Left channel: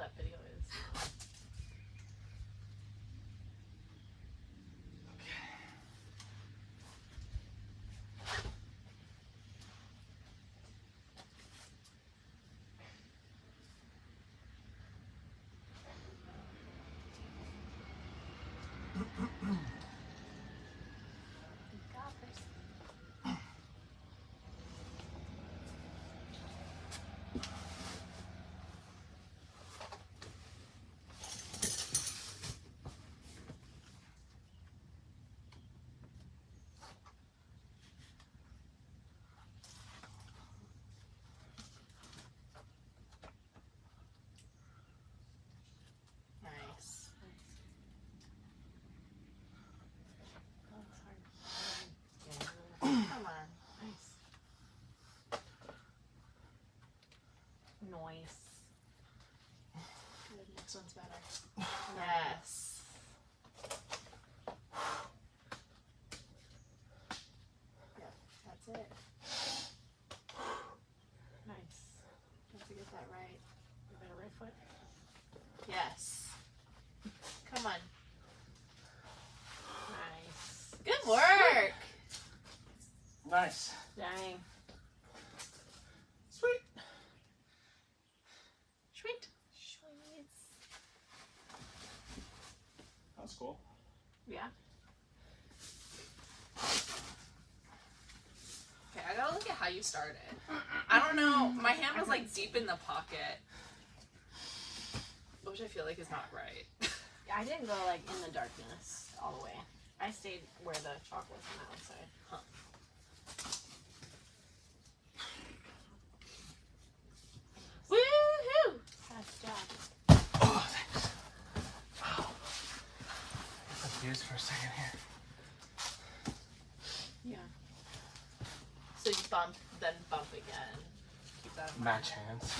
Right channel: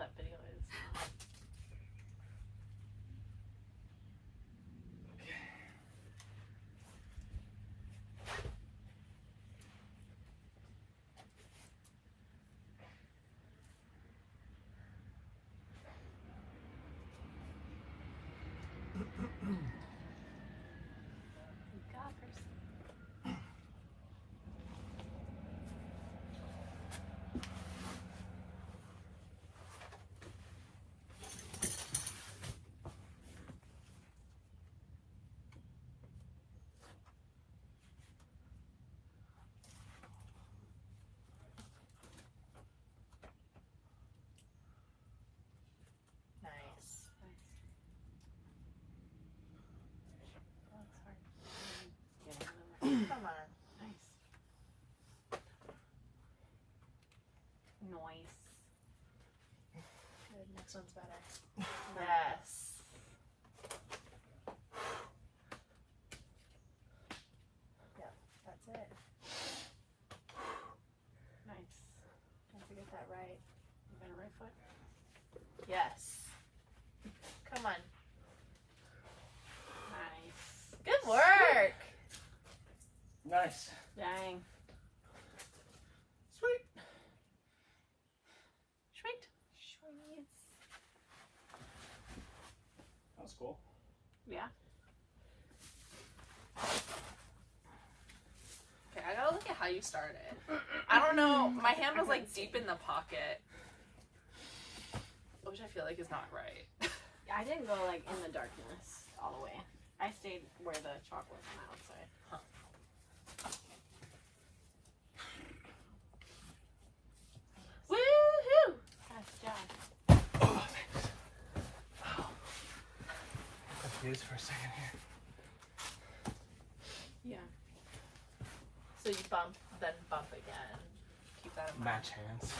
that video is. Noise. The next one's better. Yes. Yep, that's it. Nice. Have to get that right. You got a right foot? Yes. Come on. Nice. Good work. Nice. Dang. Sweet. Sweet. Sweet. That was cool. Yeah. Okay, I gotta look at how you started. I don't know. My hand was like deep in the pocket, which I feel like is not right. I didn't go like in the darkness all the way. I stayed where the chalk was on the outside. Huh. Woohoo! Nice job. Oh, thanks. Wow. I got confused for a second here. Yeah. So you bump, then bump again. Keep that in mind. Match hands.